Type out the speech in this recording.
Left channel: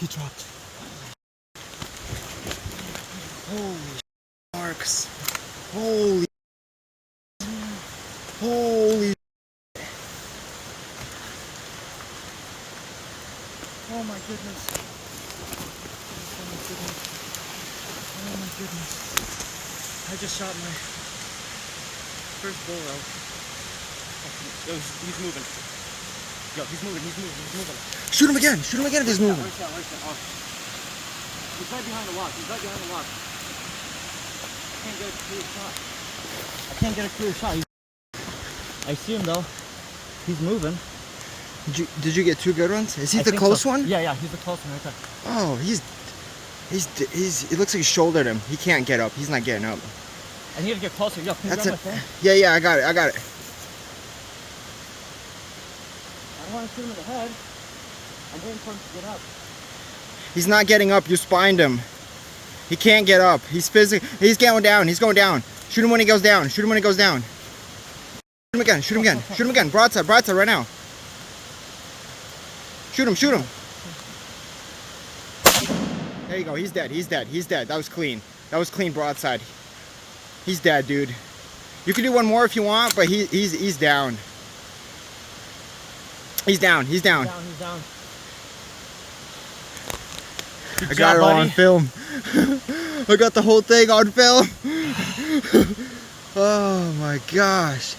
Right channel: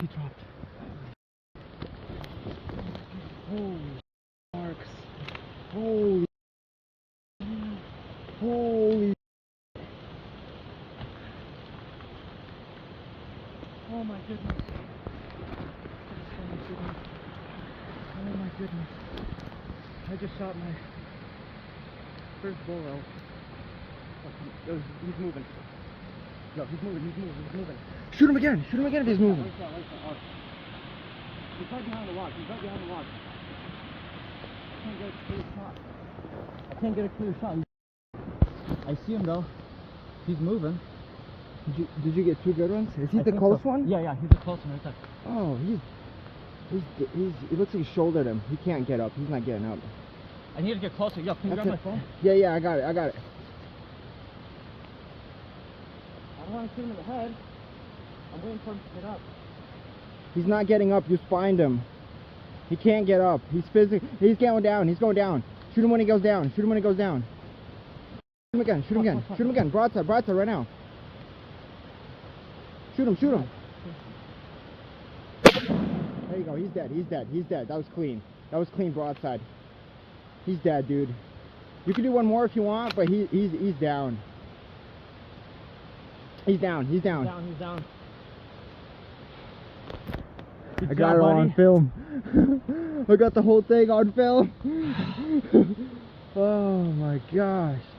He dropped. Holy marks. Holy. Holy. Oh my goodness. Oh my goodness. Oh my goodness. I just shot my first bull elk. Yo, he's moving. Yo, he's moving. Shoot him again if he's moving. Where's that? Oh. He's right behind the log. I can't get a clear shot. I see him though. He's moving. Did you get two good ones? Is he the close one? Yeah, he's the close one right there. Oh, he's. It looks like he shouldered him. He can't get up. He's not getting up. I need to get closer. Yo, can you grab my phone? Yeah, I got it. I don't want to shoot him in the head. I'm waiting for him to get up. He's not getting up. You spined him. He can't get up. He's going down. Shoot him when he goes down. Shoot him again. Broadside right now. Shoot him. There you go. He's dead. That was clean. Broadside. He's dead, dude. You can do one more if you want, but he's down. He's down. He's down. I got it all on film. I got the whole thing on film. Oh my gosh.